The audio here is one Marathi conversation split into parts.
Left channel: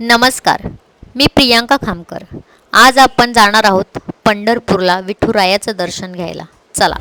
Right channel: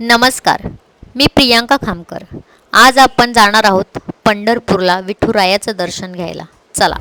नमस्कार मी प्रियांका खामकर. आज आपण जाणार आहोत पंढरपूरला विठुरायाचं दर्शन घ्यायला. चला.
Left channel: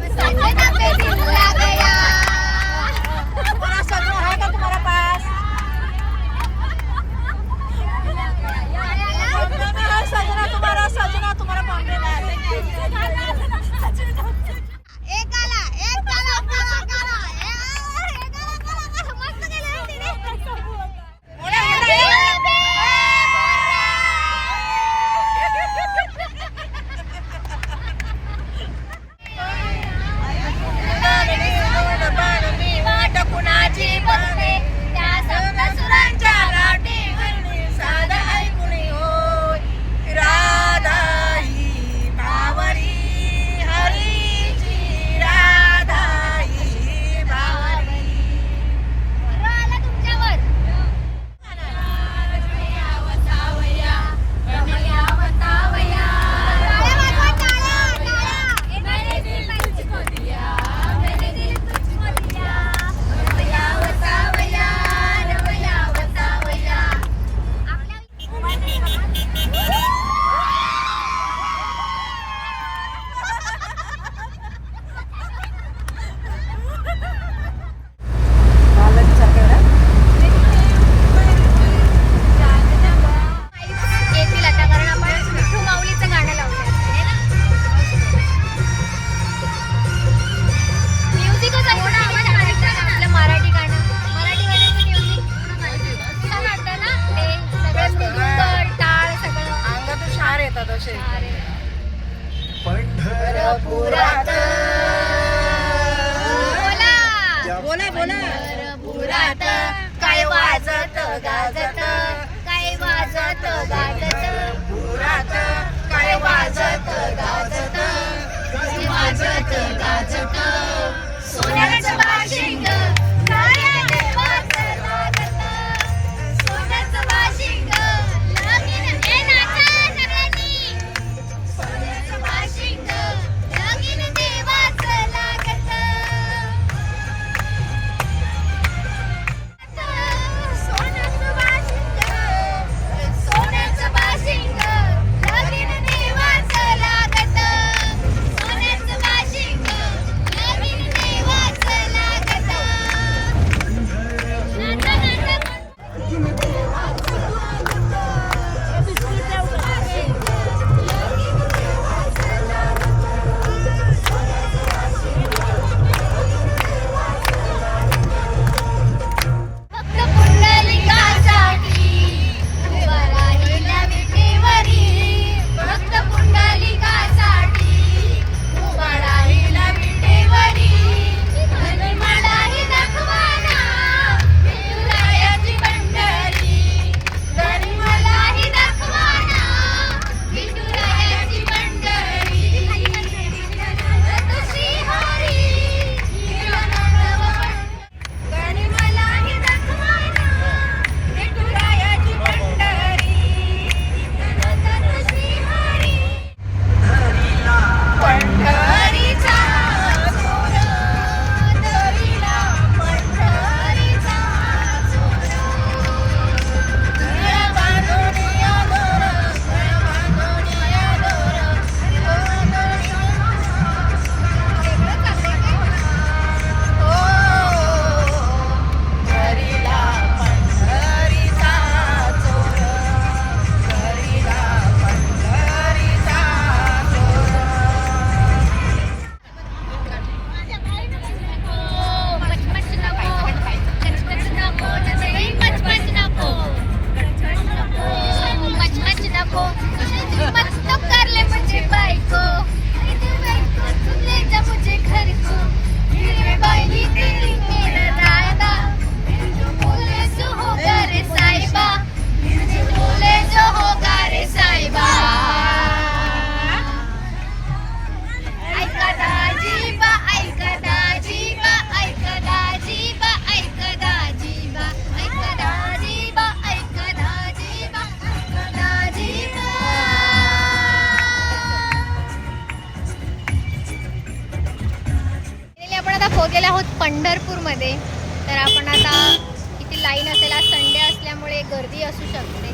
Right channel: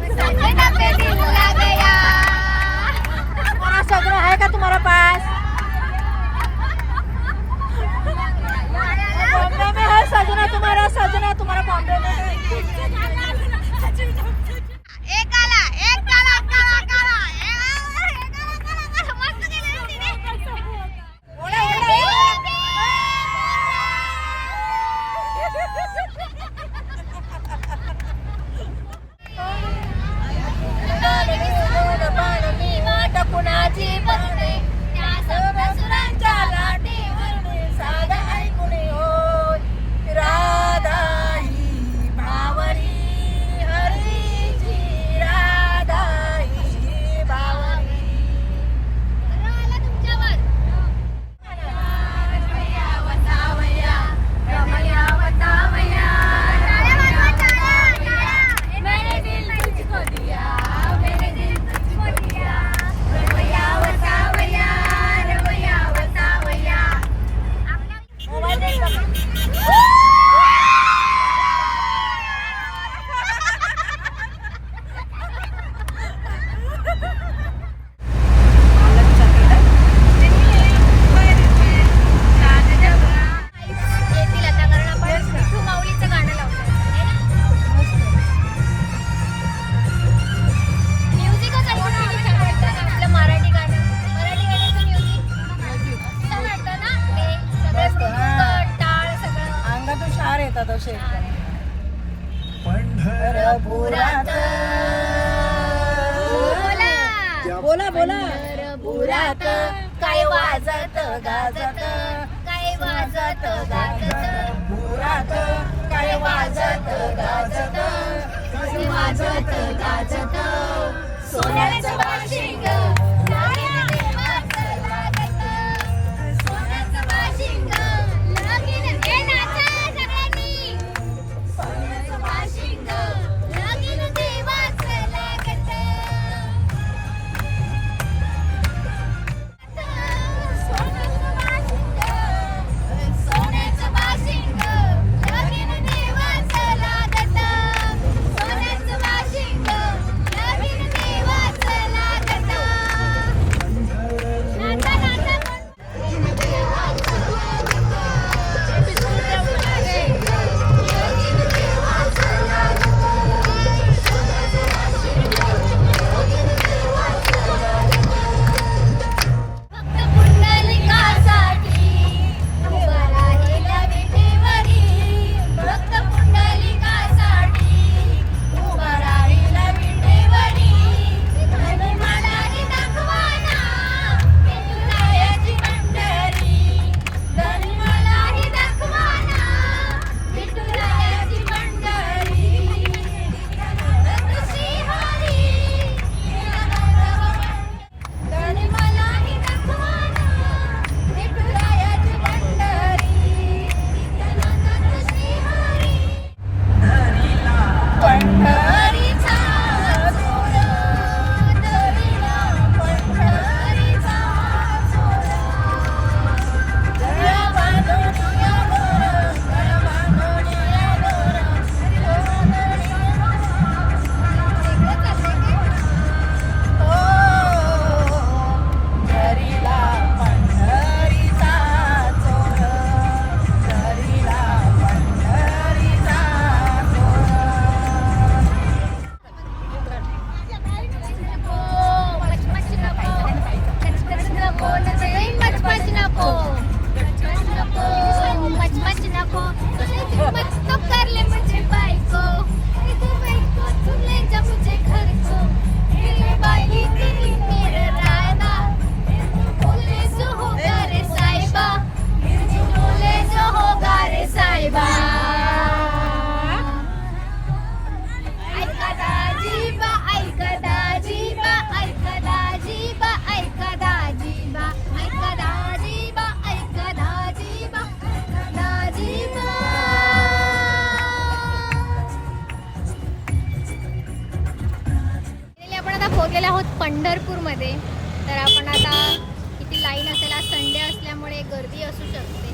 आज संडे असल्यामुळे गर्दी असू शकते.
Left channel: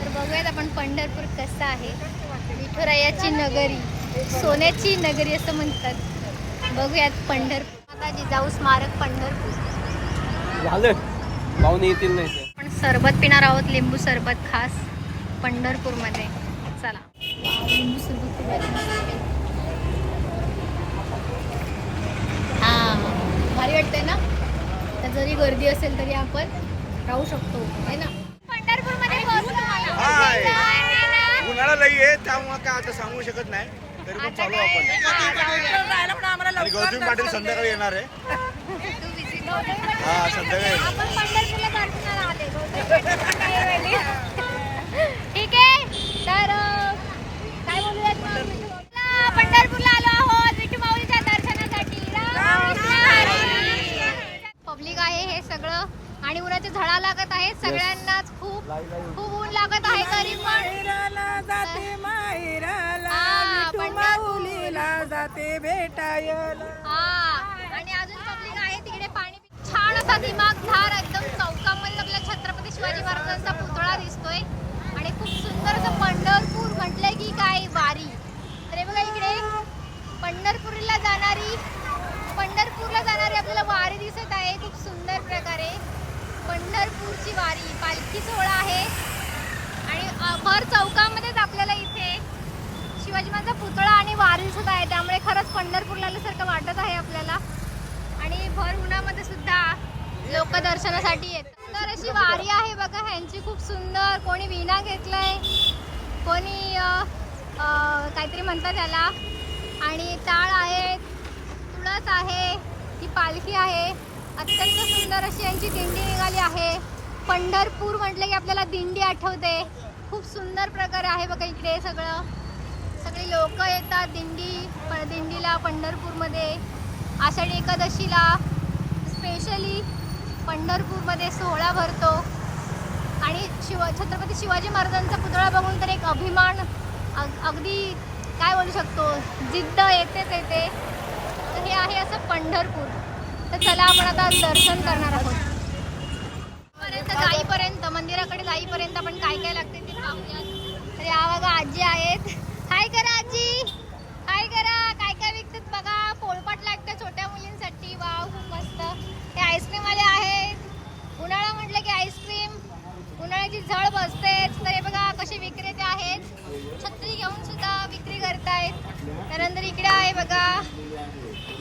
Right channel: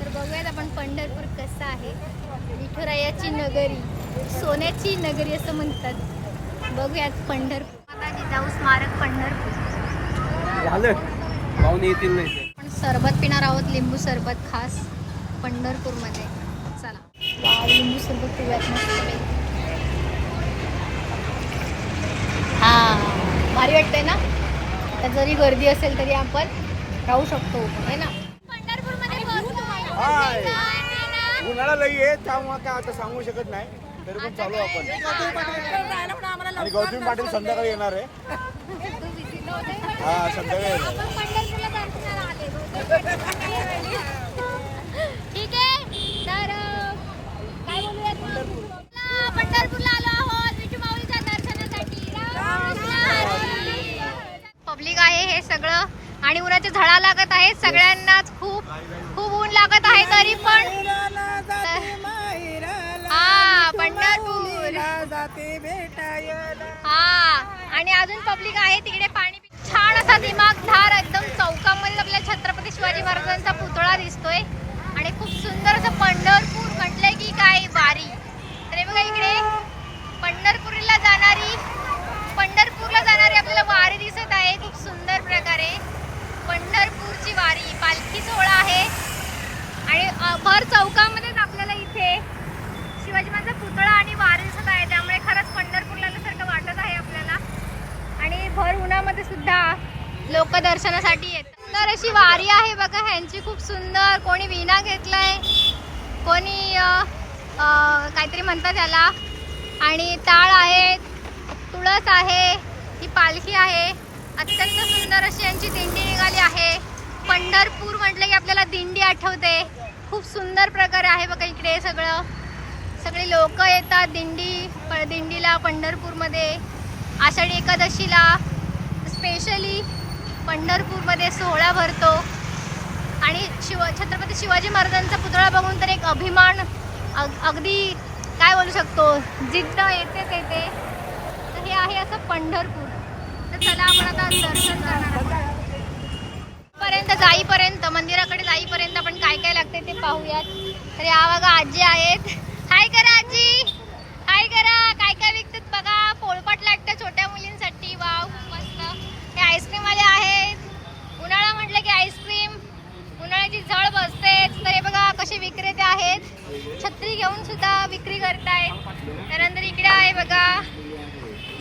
तर बघूयात आपण पंढरपूर कसं आहे. विठुरायाची नगरी सोन्याची नगरी असं म्हणतात. बघूयात पंढरपूर. माता जिजाऊ स्मारक पंढरपूर. झालं. येतील नाही पण सरबत पिणार आहोत लिंबू सरबत खास पंढरपूरमध्ये. चला. लिंबू सरबत पिण्यात हा भारी वाटतंय ना? जरी गर्दी असेल तरी आपण राहू शकतो. है ना? पंढरपूरमध्ये हाय. उन्हाळा लई आहे त्यामुळे काय आता सांगू शकत नाही. तरी पण चालू आपण. आणि गौतमी पाटील संध्याकाळी येणार आहे. हा संध्याकाळी येणार. आपण पंढरपूरला दर्शनाला आले ठीक आहे तर अं, काय बोलूयात मग विठू माऊलीला? पंढरपूरला आलो आहोत विठू माऊलीच्या दर्शनासाठी पब्लिक आहे हे सगळं आणि उन्हाच्या आहे. सगळ्यांनाच खूप खूप ऊन लागत आहे तरी पण. हा, पंढरपूर. जाते हा आणि अजून पब्लिक आहे तिकडे पाणी छान असा दिमागधार एकदम चौकामध्ये आपल्या छत्रपती शिवाजी महाराजांचा पुतळा दिसतोय. आणि खूप सुंदर असं पंढरपूर म्हटलंय की काय वारी. तर बघा इकडे पंढरपूरला जाणारी पंढरपूरला जाणारी आपल्याला वारी दिसत आहे. खूप सुंदर प्रकारे. पंढरपूरची वारी पालखी सोहळा आहे. आणि भर चौकामध्येच आपल्याला इथे शिवाजी महाराजांचा पुतळा आणि वारी सुद्धा आहे. त्यामुळे खरंच पंढरपूरला आल्यासारखं वाटत आहे आपल्याला. आणि भर उन्हामध्ये सुद्धा लोक दर्शनासाठी येतात. सुंदर अशी वारी आहे बघा ह्यांची खूप सुंदर. कोणी विणा घेतलाय कोणी काहीतरी म्हणतात त्याला आणि ताळ आहे तुळस आहे ही पालखी आहे. अत्यंत सुंदर अशी यांची दिंडी निघाली आहे. पंढरपूर म्हटलं की आपल्याला दिंडी आठवते. खूप सुंदर प्रकारे आहे बघा इकडे सगळं. सगळी लोक येतात दिंडी प दिंडीला पंढरपूरमध्ये. आषाढी एकादशीला स्पेशली पंढरपूरमध्ये सोहळा भरतो. आणि शिव छत्रपती शिवाजी महाराजांचा पुतळा बघून तर एक अभिमान अग अगदी काय बोलू शकतो? जिद्द येतेच येते. तर हे आहे असं पंढरपूर. तर चला आपण आता दर्शन करणार आहोत. पर्यंत जाईपर्यंत मंदिराकडे जाईपर्यंत आपण काय काय लागते ते पाहूयात. तर या बघा आजी आहेत. हाय करा आजी. हाय करा. काय काय विकतात बघा. पोळपाट लागतं छोट्या मुलींसाठी. वाव खूप मस्त. हे आईस्क्रीमवाले आहेत. उन्हाळा म्हटलं की आईस्क्रीम. उन्हाळ्याची झळ बसतेच. तर हे बघा कसे विक्रेते आहेत. छत्री घेऊन सुद्धा विक्री करतायत. त्यानंतर इकडे आहे बघा.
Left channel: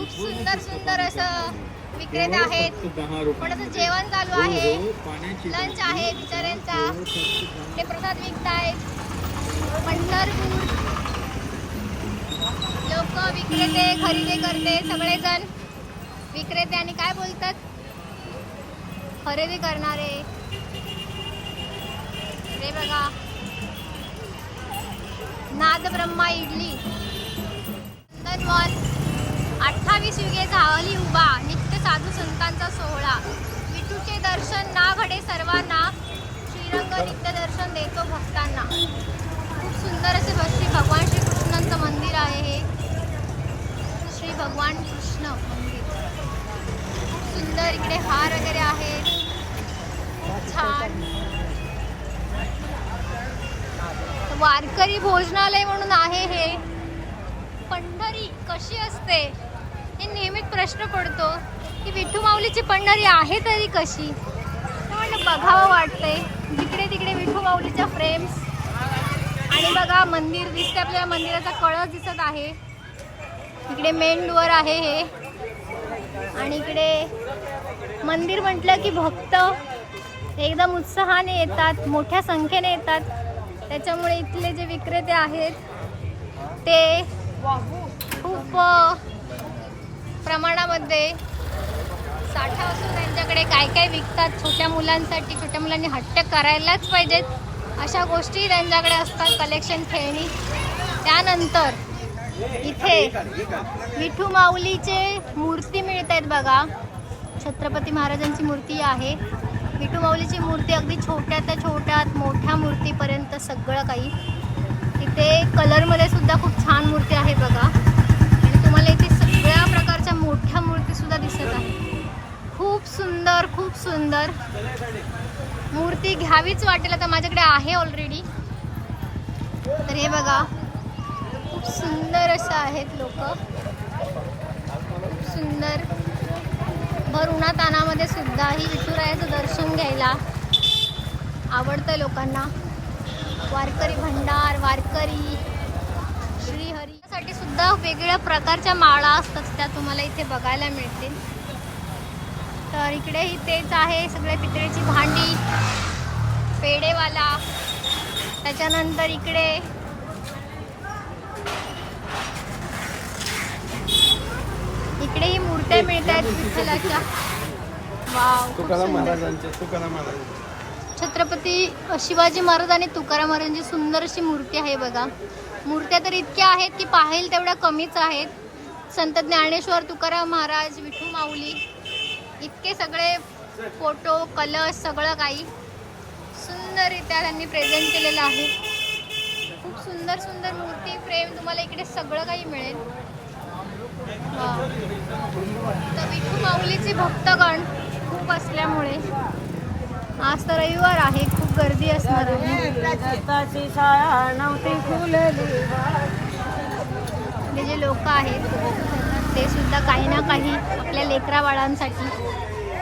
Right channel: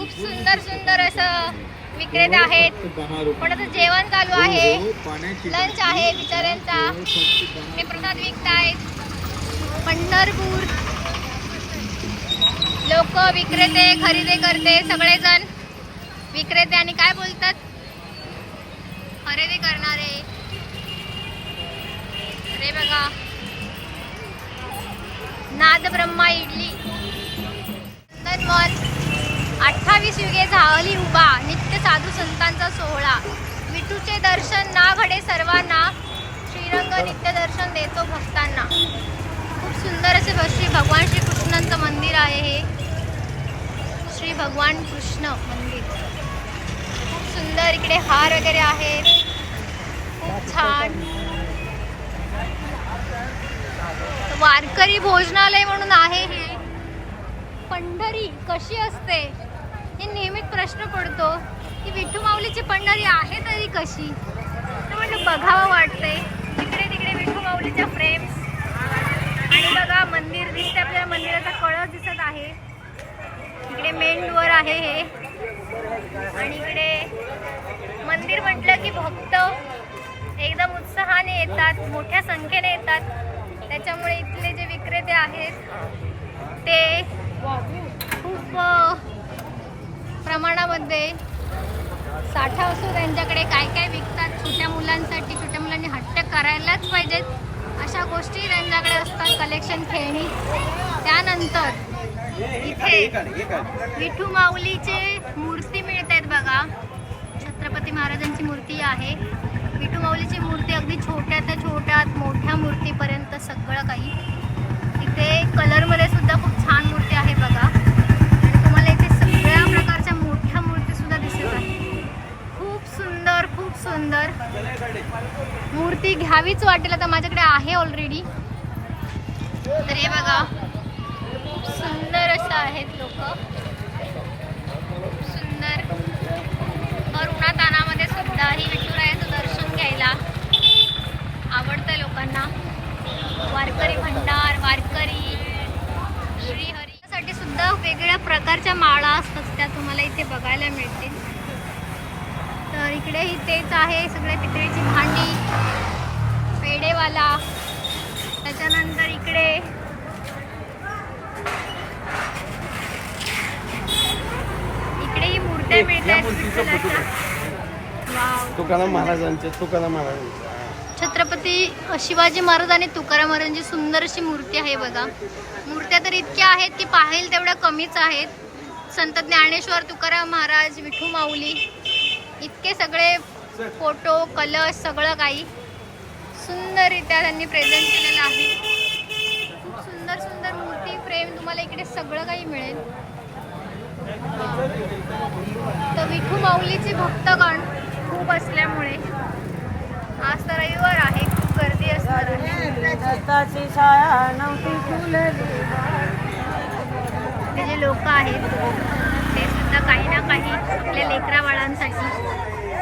खूप सुंदर सुंदर असं विक्रेते आहेत. कोणाचं जेवण चालू आहे. लंच आहे बिचाऱ्यांचा. हे प्रसाद विकतायत. पंढरपूर. लोक विक्रेते खरेदी करते सगळेजण. विक्रेते आणि काय बोलतात? खरेदी करणारे. रे बघा. नाद ब्रह्मा इडली मॉल. अठ्ठावीस युगे झाली उभा नित्य साधू संतांचा सोहळा. विठूचे दर्शन ना घडे सर्वांना श्रीरंग नित्य दर्शन देतो भक्तांना. खूप सुंदर असे श्री भगवान श्रीकृष्णांचं मंदिर आहे हे. श्री भगवान कृष्ण मंदिर. खूप सुंदर इकडे हार वगैरे आहेत. खूप छान. वारकरी भोजनालय म्हणून आहे हे. पंढरी कशी असते? हे नेहमीच प्रश्न पडतो की विठू माऊलीची पंढरी आहे तरी कशी? तर म्हटलं बघावं वाटतंय. इकडे तिकडे विठू माऊलीच्या फ्रेम्स आणि बघा मंदिर दिसतं आपल्याला मंदिराचा कळस दिसत आहे. इकडे मेन डोअर आहे हे. आणि इकडे मंदिर म्हटलं की भक्त एकदम उत्साहाने येतात मोठ्या संख्येने येतात. त्याच्यामुळे इथले जे विक्रेते आहेत ते खूप प्रमाणामध्ये साठा असतो त्यांच्याकडे काय काय विकतात छोट्या मुलांसाठी छोट्या मुलांनी हट्ट करायलाच पाहिजेत. अशा गोष्टी त्यांच्याकडे असतात कलेक्शन खेळणी. त्यानंतर इथे विठू माऊलीचे मूर्ती मिळत आहेत बघा. छत्रपती महाराजांची मूर्ती आहे. विठू माऊलीची मूर्ती अगदी छोट्यात छोट्यात मोठ्या मूर्तीपर्यंत सगळं काही. इथे कलरमध्ये सुद्धा खूप छान मूर्ती आहे बघा आणि तुम्हाला इथे सगळ्या प्रकारच्या मोठ्या सुद्धा दिसत आहे. खूप सुंदर खूप सुंदर. मूर्ती घ्यावीच वाटेल आता माझ्याकडे आहे ऑलरेडी तर हे बघा खूप सुंदर असं आहेत लोक. सुंदर. भर उन्हातानामध्ये सुद्धा ही विठुरायाचं दर्शन घ्यायला आवडतं लोकांना. वारकरी भंडार वारकरी श्री साठी सुद्धा वेगवेगळ्या प्रकारच्या माळा असतात त्या तुम्हाला इथे बघायला मिळतील. तर इकडेही तेच आहे सगळे पितळेची भांडी पेडेवाला त्याच्यानंतर इकडे इकडेही मूर्त्या मिळतात विठ्ठलाच्या. वाव महाराजांच्या. छत्रपती शिवाजी महाराज आणि तुकाराम महाराजांची सुंदर अशी मूर्ती आहे बघा. मूर्त्या तर इतक्या आहेत की पाहिल तेवढ्या कमीच आहेत. संत ज्ञानेश्वर तुकाराम महाराज विठू माऊली इतके सगळे फोटो कलश सगळं काही सुंदररित्या त्यांनी प्रेझेंट केलेलं आहे. खूप सुंदर सुंदर मूर्ती प्रेम तुम्हाला इकडे सगळं काही मिळेल. तर विठू माऊलीचे भक्तगण खूप असल्यामुळे आज तर रविवार आहे खूप गर्दी असणार. शाळा नव्हती. फुलली जे लोक आहेत ते सुद्धा काही ना काही आपल्या लेकरा बाळांसाठी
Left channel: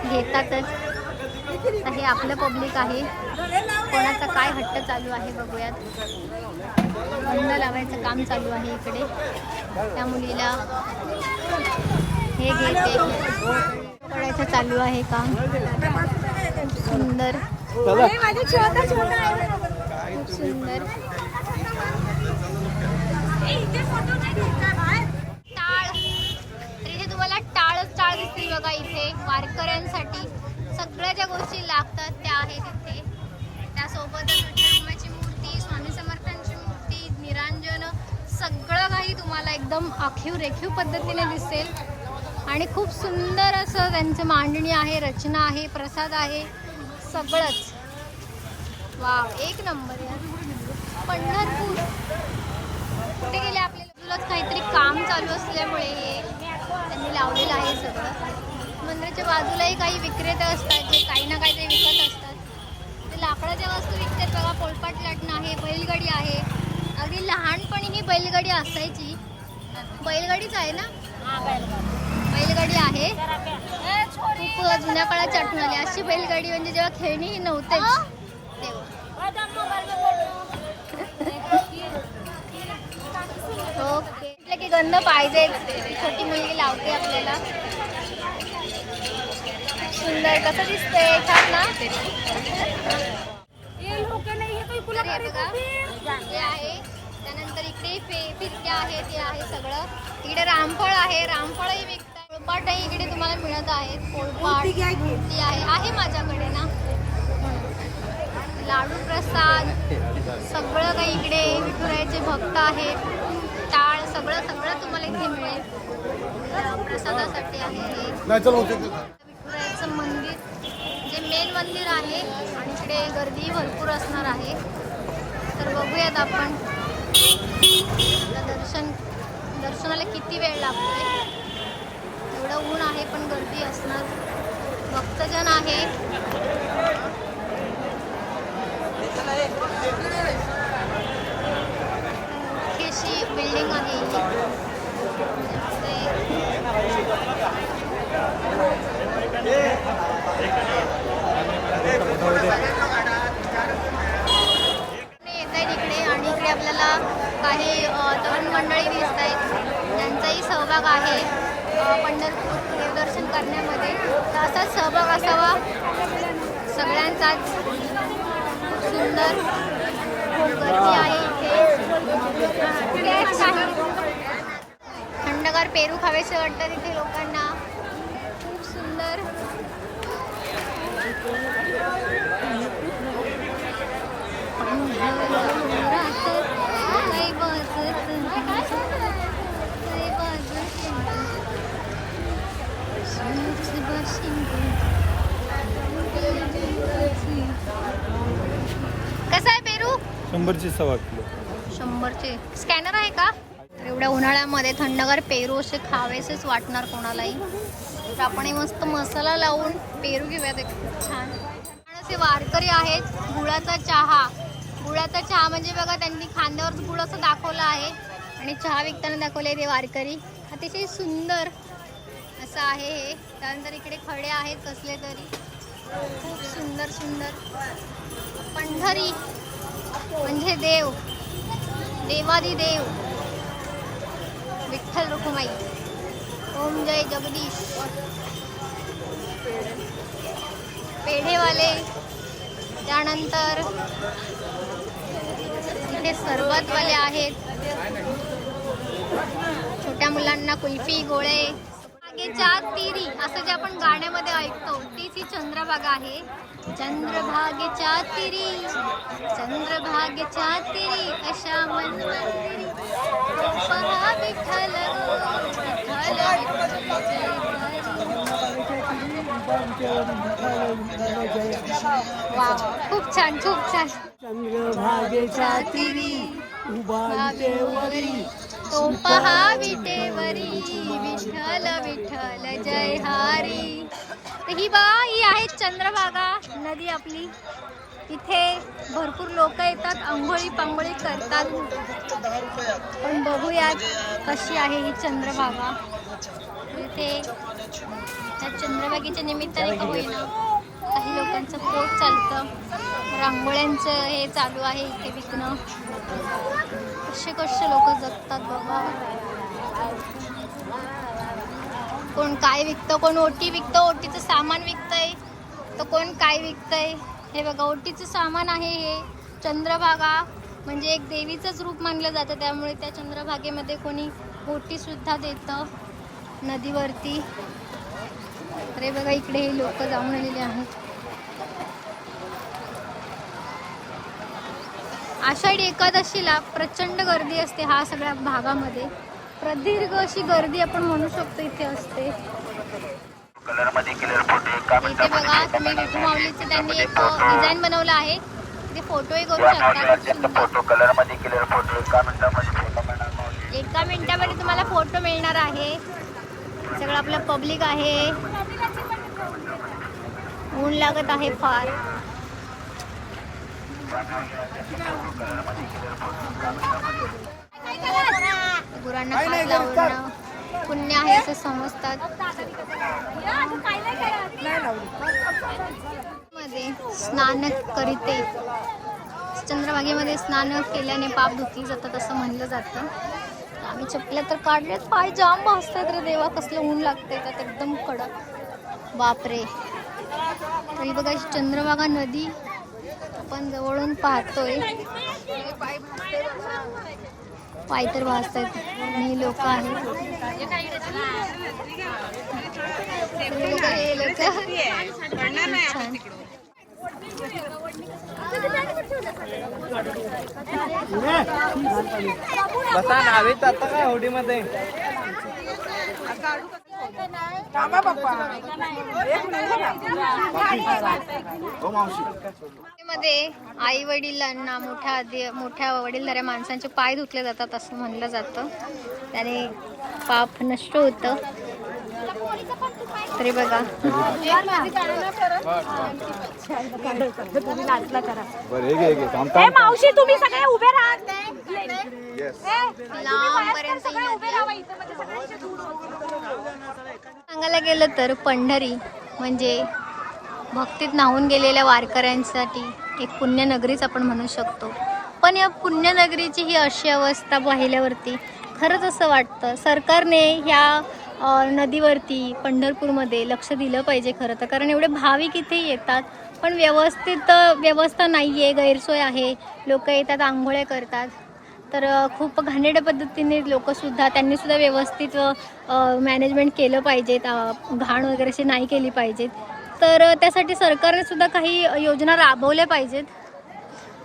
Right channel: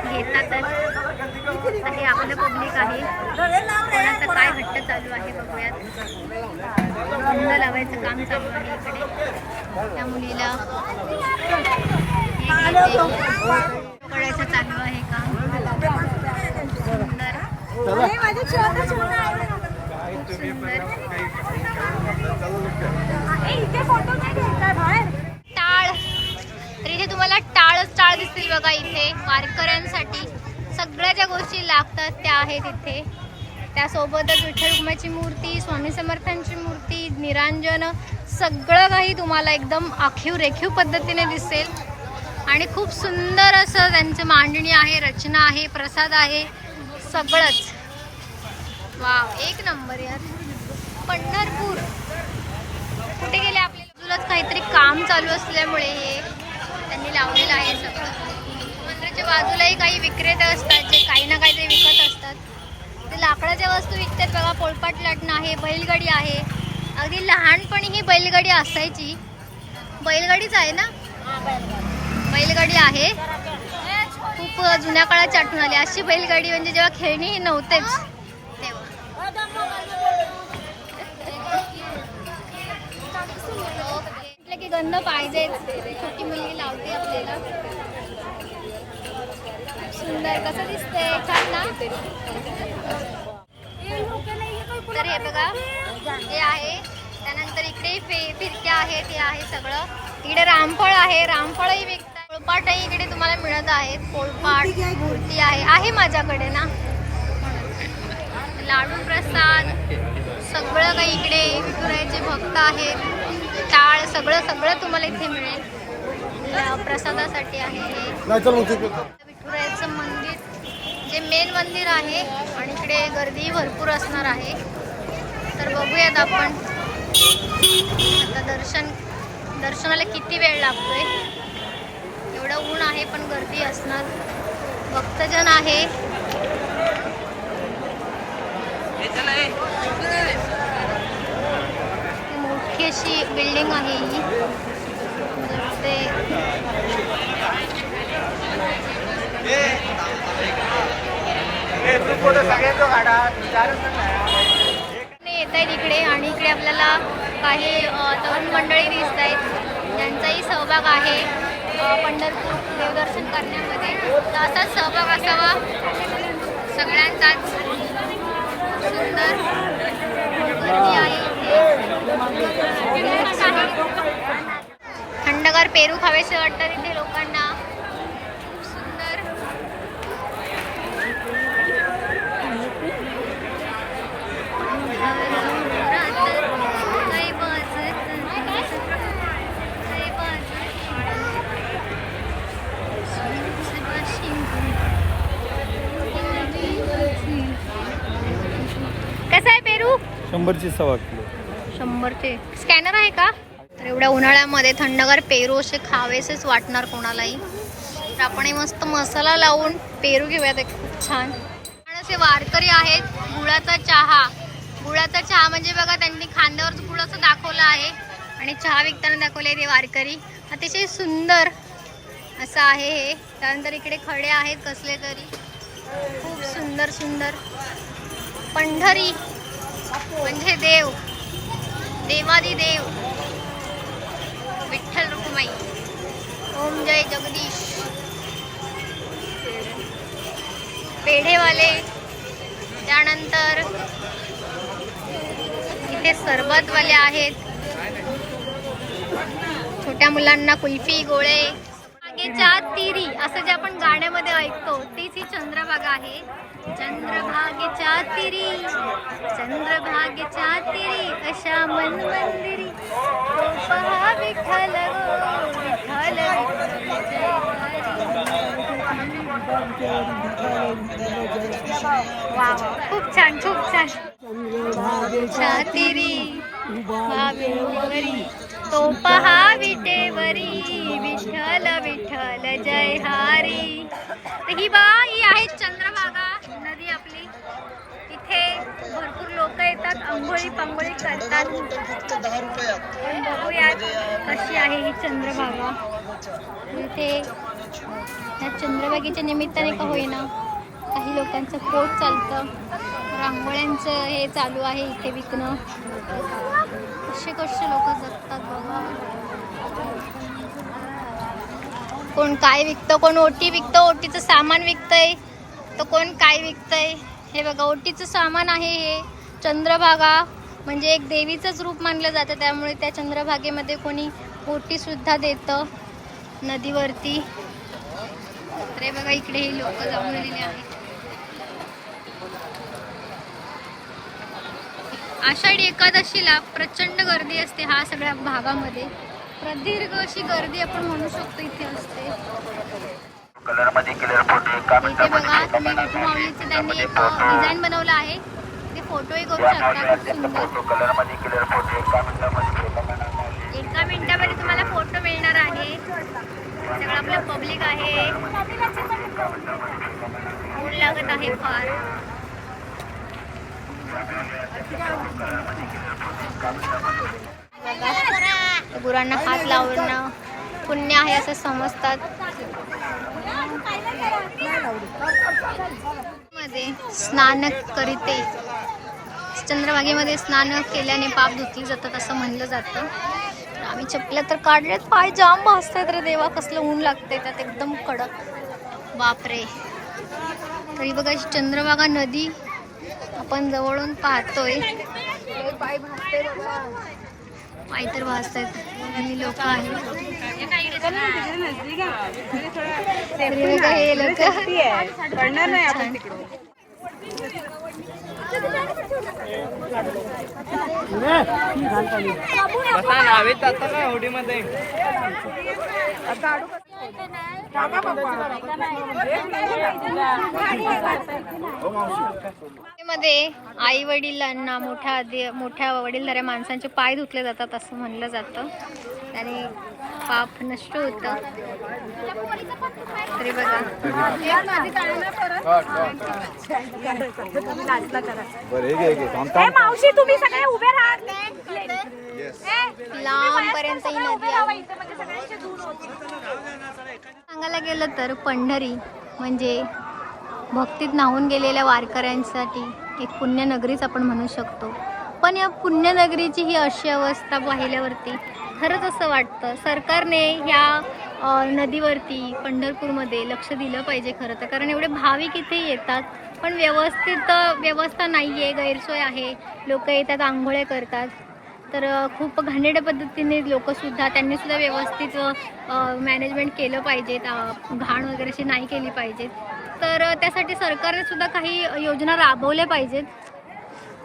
घेतातच हे आपलं पब्लिक आहे. कोणाचा काय हट्ट चालू आहे बघूयात. बंद लावायचं काम चालू आहे इकडे. त्या मुलीला हे घेते. पकडायचं चालू आहे काम. टाळ. तर इथे तुम्हाला टाळच टाळ दिसतील बघा इथे. वारकऱ्यांसाठी सगळ्या ज्या गोष्टी लागतात त्या आहेत इथे. त्यासोबतच विठ्ठल मूर्ती स्वामी समर्थांची मूर्ती निरांजन सगळं काही तुम्हाला एकदम आखीव रेखीव पद्धतीने दिसेल. आणि खूप सुंदर असं त्यांचं मांडणी आहे रचना आहे प्रसाद आहे सगळंच. वाव एक नंबर यार. पंढरपूर. कुठे गेले आपल्या बाजूलाच काहीतरी काम चालू असल्यामुळे हे त्यांनी लावलेलं आहे सगळं. मंदिराच्या बाजूलाही काही विक्रेते असतात जे काही ना काही ते विकत असतात. ते लाकडाच्या वस्तू विकतात. बघा पोळपाट लाटणं आहे बैलगाडी आहे. अगदी लहानपणी ही बैलगाडी असायची. बैलगाडीच आहे ना? बैलगाडी आहे. खूप जुन्या काळाची आठवण आली. अशी बैलगाडी म्हणजे जेव्हा खेळणी नव्हते नव्हतेच. तेव्हा म्हटलं की गंध पाहिजे. छोटी मुलगी लावते आपल्याला. सुंदर कसं दिसतंय? छान ना? तर हे बघा हे आहे. त्यानंतर इकडे फे फिरक्या आहेत ते आहे सगळं. इकडे रामफळ आहे. रामफळही विक पोळपाटही इकडे तुम्हाला मिळत आहेत पोळपाट मूर्ती आहे. आहे माझ्याकडे ना? म्हणून. लाडू प्रसाद सगळं काही इकडे विठुरायाचे भक्त आहेत. टाळ सगळं सगळं तुम्हाला इथे मिळेल. प्रसादासाठी आहे हे. विठुरायाचं मंदिर जे मेन मंदिर आहे आणि इकडे गर्दी भरपूर असणार आहे. तर बघूयात आपण. आता दर्शन दर्शनाला किती वेळ लागतोय? एवढं ऊन आहे पण गर्दी असणार. भक्तजन आहे. मोठी अशी बिल्डिंग आहे ही. येत आहेत इकडे आणि इकडे आपल्याला काही तरुण मंडळी दिसत आहेत ज्यांचाही सहभाग आहे. पंढरपूर देवदर्शन करण्यामध्ये. तर असाच सहभाग असावा. सगळ्यांचाच. सुंदर. गर्दी आहे थंडगार पेरू खावेसे वाटतात इथे लोकांना. सुंदर. कसा आहे पेरू? शंभरची सव्वा किलो. शंभरचे. स्कॅनर आहे का? तर एवढ्या उन्हाळ्यामध्ये थंडगार पेरू असे खावेसेच वाटणार कोणालाही. तर आपण मस्त मसाला लावून पेरू घेऊयात खूप छान. असे वारकरी आहेत. गुळाचा चहा. गुळाचा चहा म्हणजे बघा त्यांनी खांद्यावर गुळ असं दाखवलं आहे. आणि चहा विकताना दाखवले ते वारकरी. अतिशय सुंदर. असं आहे हे. त्यानंतर इकडे खडे आहेत कसले तरी. खूप सुंदर सुंदर. पंढरी. म्हणजे देव. देवादी देव. विठ्ठल रुक्माई. ओम जय जगदीश. पेढेवाले. त्यानंतर इथे सरबतवाले आहेत. छोट्या मुलांना कुल्फी गोळे. बागेच्या तिरी असं जे आपण गाण्यामध्ये ऐकतो तीच ही चंद्रभागा आहे. चंद्रभागेच्या तिरी चंद्रभागेच्या तिरी अशा मन मंदिरी. तो पहा विठ्ठल गो विठ्ठल वा खूप छान खूप छान. चंद्रभागेच्या तिरी भावेवरी तो पहा विटेवरी विठ्ठल विठ्ठल जय हरी. तर ही बा ही आहे चंद्रभागा नदी आपली. इथे भरपूर लोक येतात आंघोळी पांघोळी करतात. पण बघूयात कशी आहे ही चंद्रभागा. इथे त्या चंद्रभागेच्या निमित्ताने का होईना काही लोकांचं पोट चालतं. रांगोळ्यांचं हे चालू आहे इथे विकणं. कसे कसे लोक जगतात बाबा कोण काय विकतं कोण ओटी विकतं ओटीचं सामान विकतंय. तर कोण काय विकतंय? हे बघा ओटीचं सामान आहे हे. चंद्रभागा म्हणजे एक देवीचंच रूप मानलं जातं. त्यामुळे त्या चंद्रभागेमध्ये कोणी ओटी सुद्धा देतं नदीवरती. अरे बघा इकडे हे लोक जाऊन आलेले आहेत. आषाढी एकादशीला प्रचंड गर्दी असते हा सगळ्या भागामध्ये प्रदीर्घ अशी गर्दी आपण म्हणू शकतो इथे असते इथे बघा तुम्ही विठू माऊलीचं त्यांनी एक डिझाइन बनवलं आहे ते फोटोही करू शकता एका मिनिटामध्ये तुम्हाला फोटो मिळणार आहे सगळं आपलं पब्लिक आहे ऊन लागत आहे फार गुरांना हात लावणं पुण्य आहे असं समजतात. मध्ये स्नान करीते. चंद्रभागेमध्ये स्नान केल्याने पाप धुतली जातात असं म्हणलं जातं. आम्ही चपल्या तर काढल्यात पाय जाम भासतायत रे देवा कसलं ऊन लागतंय त्यात एकदम कडक. बापरे. तरी बघा चंद्रभागा नदी आपण जवळून पाहतोय. पाय तर भासतात आणि लोक आहेत. हे लोक. छान. बसा नावेत जातो काय होडीमध्ये. मध्ये आई वडिलांना मोठ्या दे- मोठ्या वडीलधाऱ्या माणसांचे पाय धुतले जातात असं म्हणलं जातं. त्याने पाप नष्ट होतं. तरी बघा. मावशी तुम्ही सगळे उभे राहा. लांबपर्यंत सांगायला गेलं तर पंढरी म्हणजे भक्तीत न्हावून गेलेल्या वारकऱ्यांसाठी एक पुण्यनगरीच आपण म्हणू शकतो. पण या पुण्यनगरीची ही अशी अवस्था पाहिल्यावरती खरंच असं वाटतं. सरकारने ह्या नदीवरती पंढरपूरमध्ये लक्ष दिलं पाहिजे खरं तर. कारण एवढे भाविक इथे येतात पण व्यवस्थित व्यवस्था नाही आहे गैरसोय आहे. लोक येतात आंघोळ्या करतात. तर खूप घाणेरड्या पद्धतीने लोकसुद्धा त्यांनीसुद्धा व्यवस्थित मॅनेजमेंट केलं पाहिजेत घाण वगैरे अशी नाही केली पाहिजेत. तर त्यासाठी सरकारने सुद्धा काही योजना राबवल्या पाहिजेत.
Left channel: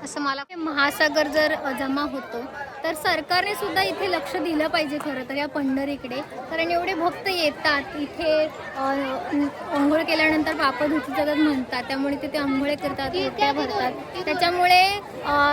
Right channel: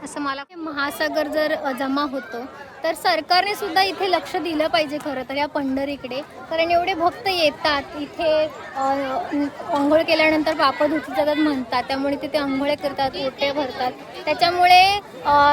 असं मला महासागर जर जमा होतो तर सरकारने सुद्धा इथे लक्ष दिलं पाहिजे खरं तर या पंढरीकडे. कारण एवढे भक्त येतात इथे आंघोळ केल्यानंतर पाप धुतली म्हणतात त्यामुळे तिथे आंघोळे करतात ओट्या भरतात. त्याच्यामुळे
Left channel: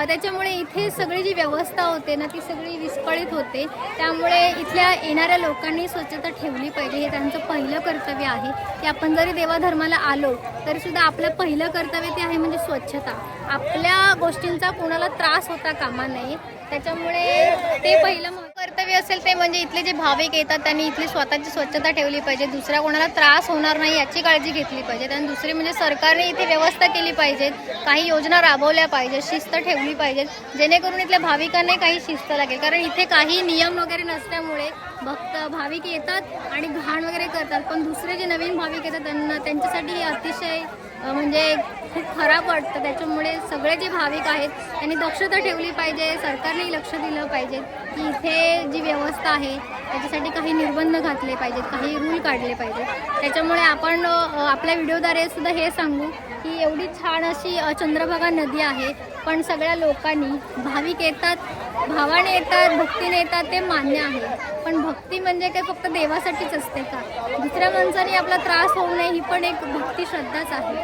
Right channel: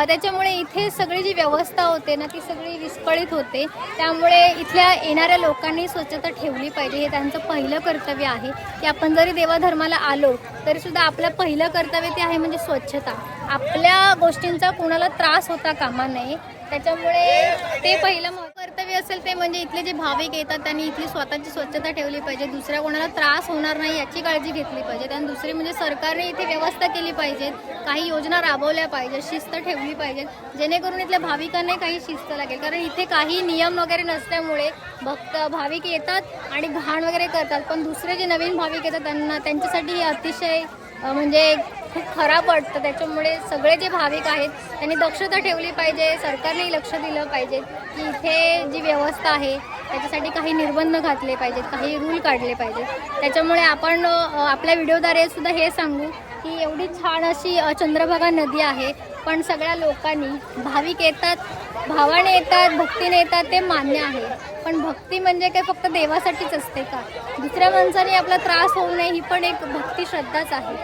त्याच्यामुळे इथे सगळी जी व्यवस्था होते ना ती सगळी विस्कळीत होते. त्यामुळे इथल्या येणाऱ्या लोकांनी स्वच्छता ठेवली पाहिजे हे त्यांचं पहिलं कर्तव्य आहे. की आपण जरी देवाधर्माला आलो तरी सुद्धा आपलं पहिलं कर्तव्य ते आहे म्हणजे स्वच्छता. आपल्या गोष्टींचा कोणाला त्रास होता कामा नये. त्याच्यामुळे ते पहिलं कर्तव्य असेल ते म्हणजे इथले जे भाविक येतात त्यांनी इथली स्वतःची स्वच्छता ठेवली पाहिजे. दुसऱ्या कोणाला त्रास होणार नाही याची काळजी घेतली पाहिजे. आणि दुसरी म्हणजे सरकारने इथे व्यवस्था केली पाहिजेत काही योजना राबवल्या पाहिजेत शिस्त ठेवली पाहिजेत. जेणेकरून इथल्या भाविकांना काही शिस्त लागेल. कारण इथे काही नियम वगैरे नसल्यामुळे भक्त भाविक येतात आणि घाण वगैरे करतात. पण दुसरे जे नवीन भाविक येतात त्यांना त्यांच्यासाठी हे अतिशय म्हणजे खूप खराब वाटतं. त्याच्यामुळे सगळे जे भाविक आहेत त्यांनी दक्षता ठेवली पाहिजे. सरकारनेही लक्ष दिलं पाहिजे की इथे जी व्यवस्था आहे त्याच्यासाठी काही निर्बंध घातले पाहिजेत काही रूल काढले पाहिजेत. त्याच्यामुळे आपण आपल्या व्हिडिओद्वारे सुद्धा हे सांगू की एवढी छान अशी चंद्रभागा नदी आहे. पण सगळ्या लोकांनी भाविक येतात भावाने येतात भक्तीने येतात ते मान्य आहे. पण भक्ती म्हणजे काय फक्त देवासाठीच असते का? दुसऱ्या माणसाने आपला त्रास होऊ नये ही पण एक भक्ती श्रद्धाच आहे.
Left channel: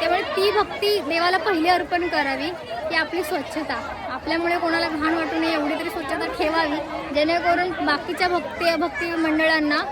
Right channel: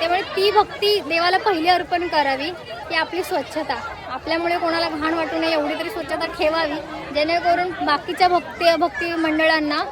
त्यामुळे ती भक्ती देवाला पहिली अर्पण करावी की आपली स्वच्छता. आपल्यामुळे कोणाला घाण वाटू नये एवढी तरी स्वच्छता ठेवावी जेणेकरून बाकीच्या भक्ती भक्ती मंडळांना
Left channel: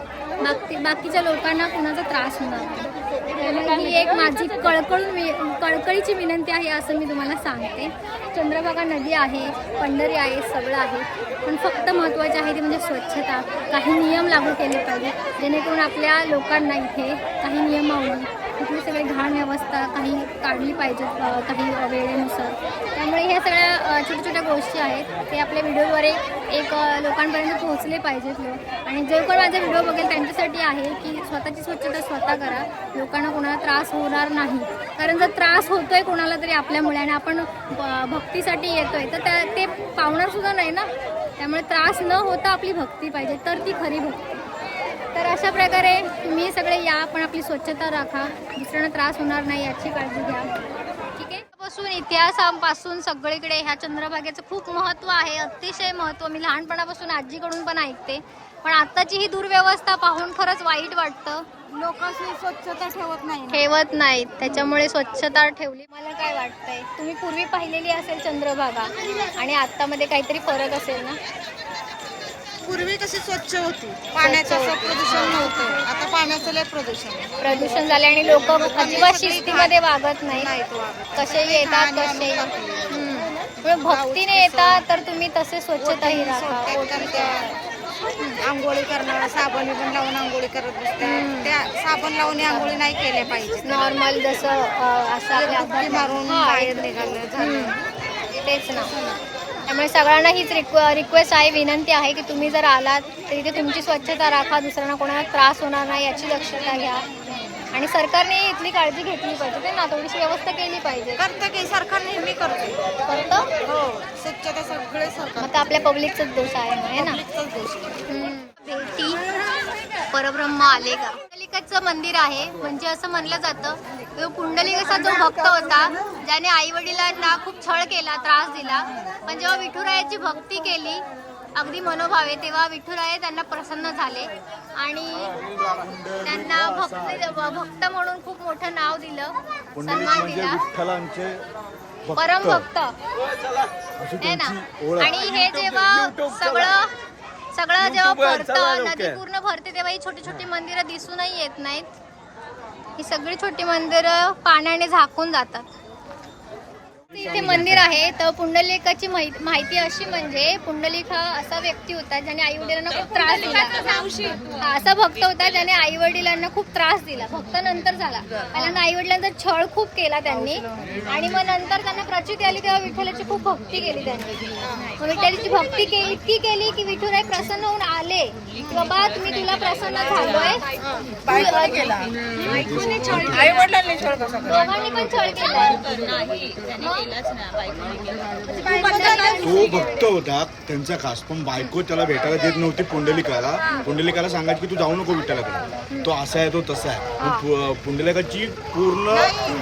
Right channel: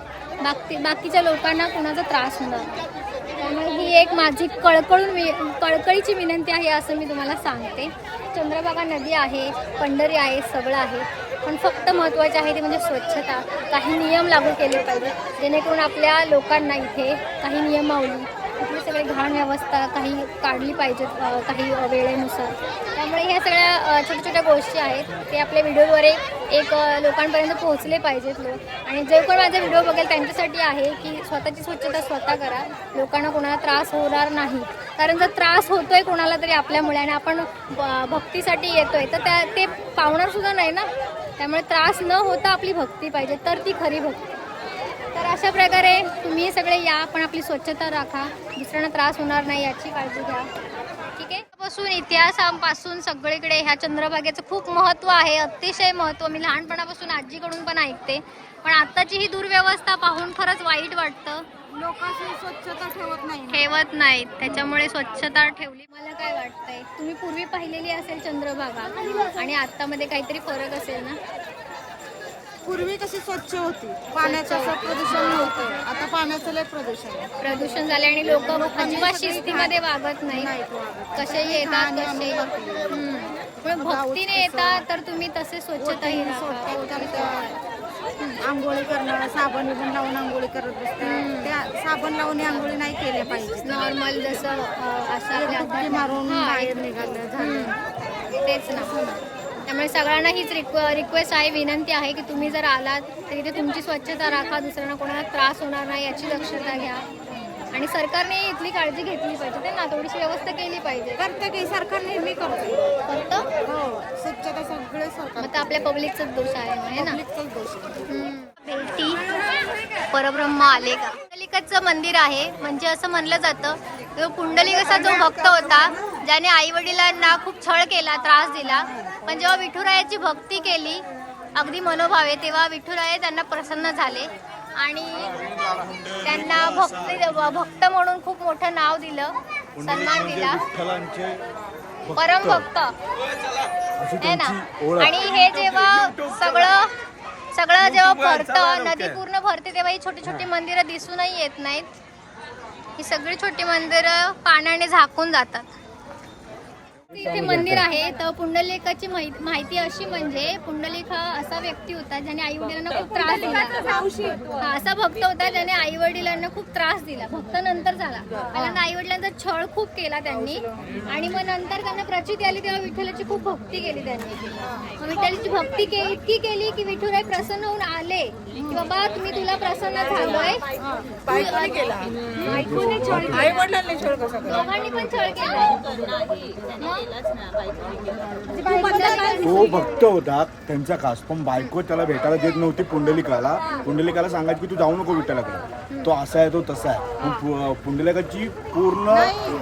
बाकी बाकीच्या लोकांना कोणाचा त्रास होणार नाही. त्यामुळे ही एक माझी कळकळून वि कळकळीची विनंती आहे असं मी तुम्हाला सांगते. चंद्रभागा नदी आहे पंढरी आहे सगळं आहे. पण फक्त महत्त्वाचे आहे ते म्हणजे स्वच्छता. काही नियम लागू केले पाहिजे जेणेकरून आपल्या लोकांना इथे काही नियमावली इथली सगळी घाण व्यवस्था काही काढली पाहिजेत काही वेळेनुसार. त्यामुळे ह्या सगळ्या छोट्या छोट्या गोष्टी आहेत. ते आपल्या व्हिडिओद्वारे एक लोकांपर्यंत पोहोचले पाहिजेत लोक. आणि जे पण माझा व्हिडिओ बघेल त्यांच्यासाठी आहे की स्वतःची स्वच्छता स्वतः करा. लोकांना कोणाला त्रास होणार नाही. कारण जर त्रास होतोय कोणाला तरी आपल्यामुळे आणि आपण भक्तीसाठी भक्तीसाठी येतोय तर त्या ते पावणारसुद्धा नाही ना. त्यामुळे त्रास न होता आपली भक्ती पाहिजे. तर ती खरी भक्ती. तर अशा प्रकारे तुम्ही सगळे या पण आपली स्वच्छता राखा. दुसऱ्यांना त्रास होणार नाही याची काळजी घ्या. ठीक आहे? पासून इतिहासापासून सगळीकडे ह्या चंद्रभागेचं खूप महत्त्व आहे अतिशय महत्त्व. मी लहानपणापासून आजीकडून पण ऐकते. पण आताची ही दुर्व्यवस्था पाहून खरंच वाईट वाटतं. लोक स्वच्छता ठेवत नाही. ठेवत नाहीत. त्याच्यामुळे स्वच्छता ठेवली. मला काय वाटतंय? तुम्ही पूर्वी पाहिलेली असेल चंद्रभागा. आणि आत्तामध्ये काहीतरी फरक असेल ना? पूर्वी कशी स्वच्छ होती? पाण्याचं असं प्रदूषण नव्हतं. आता पाण्याचं लय प्रदूषण आहे. प्रदूषण झाले आणि लोक अजिबात शिस्तीमध्ये वागत नाही वागत. कसेही येतात कसे टाकली. पण भक्तीने येतात तर तुम्ही तसे स्वच्छताही राखा. आंघोळी करणं साबण बिबण लावून आंघोळी करत बसतात. त्या साबण लावून आंघोळी नाही केल्या पाहिजे नॉर्मल जसं अं, असं आपल्या मारून हा, बाहेर निघालं झालं. तेच ना. त्यामुळे सगळ्यांना हीच रिक्व रिक्वेस्ट आहे विनंती आहे की तुम्ही जर आलात तर इथे तुमची स्वच्छता राखा दुसऱ्यांना कोणाला त्रास होणार नाही याची दक्षता घ्या. आणि सरकारने इथली काळजी घेतली पाहिजे ते ना थोडीशी व्यवस्था केली पाहिजे. करतं की सरकार नेहमी करतो. करतो? हो स्वच्छता सगळे सरकार मग तर आपल्या पब्लिकचाच दोष आहे मग है ना? पब्लिकचाच दोष आहे. भेटी परब्रह्म आले का पुंडलिकाचं मंदिर आहे म्हणजे असं म्हणलं जातं तो पुंडलिक असा जो भक्त होता ज्याने आई वडिलांना खूप छळ केला त्रास दिला पण जेव्हा विठुरायाची भक्ती केली अगदी मनोभावे तेव्हा विठुराय त्यांना प्रसन्न झाले. आणि त्यांना भक्ती भक्त म्हणून खूप मोठं नाव दिलं सन्मान दिला. परम भक्त. आहे ना? आणि हे जेव्हा सगळं सगळं जेव्हा भरतं नदी पूर्ण भरते तेव्हा ही छोटी छोटी मंदिरं दिसूनही येत नाहीत. ही सगळी छोटी मंदिरं पाण्याने झाकून जातात. इथे मंदिर आहे. तर पुंडलिकाची माहि- माहिती अशी म्हणजे पुंडलिक हा असा व्यक्ती होता ज्याने आई वडिलांना खूप त्रास दिला. हा असा भक्त होता ज्याने आई वडिलांना खूप त्रास दिला. भक्त नंतर झाला. पहिल्यांदा आई वडिलांचा छळ खूप केला त्यांनी. आणि मग नंतर त्यांना प्रचिती आली तेव्हा विठ्ठलाची खूप भक्ती केली त्यांनी. मग विठ्ठलाची भक्ती के इतकी केली की विठुराय प्रसन्न होऊन आले. की बाबा तुम्ही तुला प्रसन्न झालोय. केला. दोघांनी पण छळ केला. तो भक्त होता त्यांचा खास. पण बायको त्याला भेटायला देत नव्हती पुंडलिकाला. पुंडलिकाला सांगायचं की तू जाऊ नको विठ्ठलाकडे तो असा आहे तो तसा आहे. पुंडलिकाची पूर्ण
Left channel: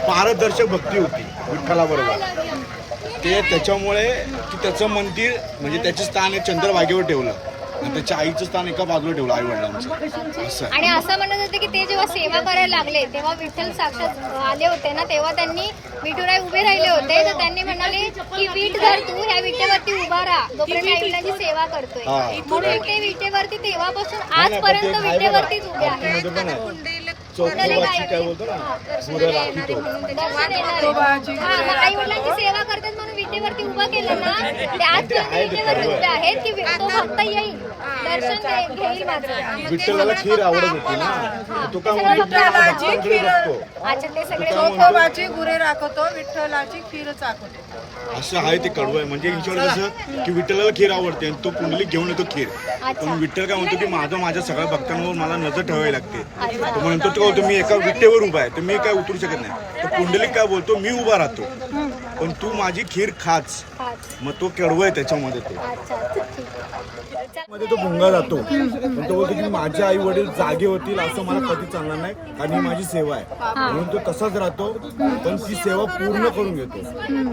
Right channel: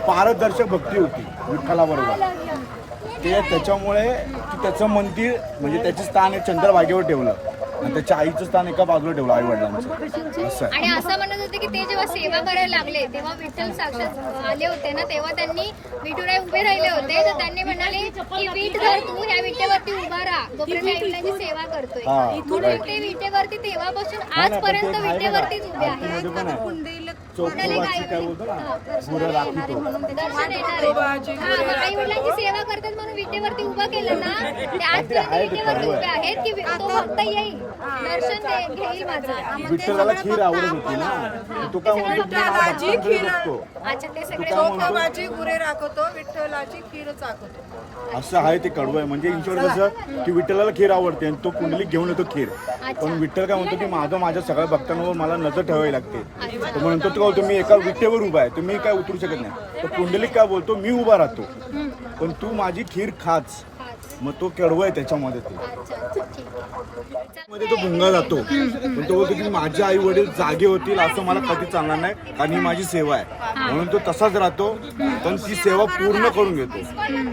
पारदर्शक भक्ती होती विठ्ठलाबरोबर. ते त्याच्यामुळे की त्याचं मंदिर म्हणजे त्याचे स्थान आहे चंद्रभागेवर ठेवलं. आणि त्याच्या आईचं स्थान एका बाजूला ठेवलं आई वडिलांचं असं. आहे आणि असं म्हणत होते की ते जेव्हा सेवा करायला लागले तेव्हा विठ्ठल साक्षात आले होते ना तेव्हा त्यांनी विठुराय उभे राहिले होते. तर त्यांनी म्हणाले की विठ धर तू ह्या विटेवरती उभा राहा. जोपर्यंत आई वडिलांची सेवा करतोय. हा. म्हणून ते विटेवरती तेव्हापासून आजपर्यंत आहे विटेवरतीच उभे आहेत. हा सेवा करतात म्हणून विटेवरती उभं केलं ना ते आजपर्यंत विटेवरती उभे आहेत की तो भक्त येईल? दर्शन घेईल माझं. विठ्ठलाला खीर आवडत होती ना? तो काय अच्छा ते सगळे गुरे राखतो विठ्ठलाची खीर असं आहे ते कडवं आहे. म्हणजे ईश्वर कसं की विठ्ठलाला खीर आवडते आणि तो पुंडलिक घेऊन येतो खीर. पण विठ्ठल काय म्हणतो की माझं माझ्या सगळ्या भक्तांवर मला नजर ठेवावी लागते. तो म्हणतो तो काय मी एका विठ्ठेवर उभा आहे मी काय उतरू शकत नाही. तर पुंडलिक काय बोलतो मी उभा राहतो. पण तू माझी खीर खाच. मग तो कडवं आहे त्याच्यामध्ये ते. मध्ये तो भुंगा जातो. पण तो बोलतो की माझे आई वडील जागे होतील असं मला कधी चालणार नाही कारण ही माझी सेवा आहे. म्हणून तो तसाच राहतो पण ती सेवा पूर्ण करून घेतो.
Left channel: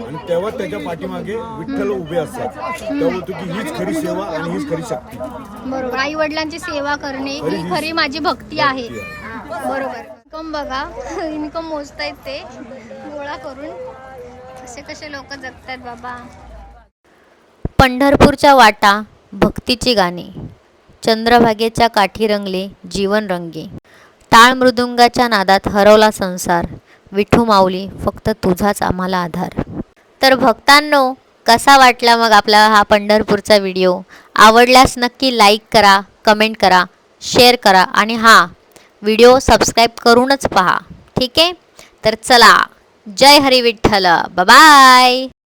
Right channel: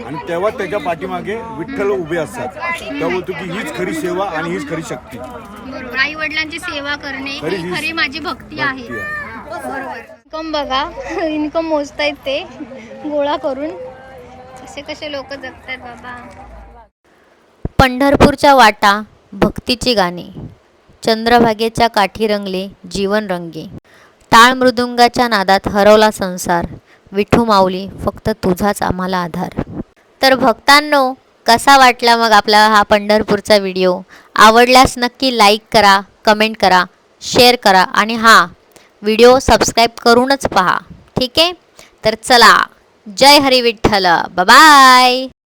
आणि तेव्हा त्याच्या पाठीमागे विठ्ठल उभे असतात. तेव्हा बोलतो की हीच खरी सेवा आणि हीच खरी शक्ती. बरोबर. आई वडिलांची सेवा करणे खरी माझी भक्ती आहे. बरोबर. इन्कम बघा इन्कम मोजतायत ते. गोळा करून. कसे कसे लोक जगतात बाबा. पंढरपूरच्या वाटा भक्तीची गाणी. चंद्रभागेच्या काठी रंगले जीवन रंगे. टाळ मृदुंगाच्या नादात हरवला संसार. विठू माऊली फक्त तुझाच आम्हाला आधार. तर भक्तांनो कसा वाटला मग आपला हा पंढरपूरचा व्हिडिओ? आवडल्यास नक्की लाईक करा कमेंट करा शेअर करा आणि हां व्हिडिओ सबस्क्राईब करूनच पहा. ठीक आहे? तर चला जय हरी विठ्ठल. बाय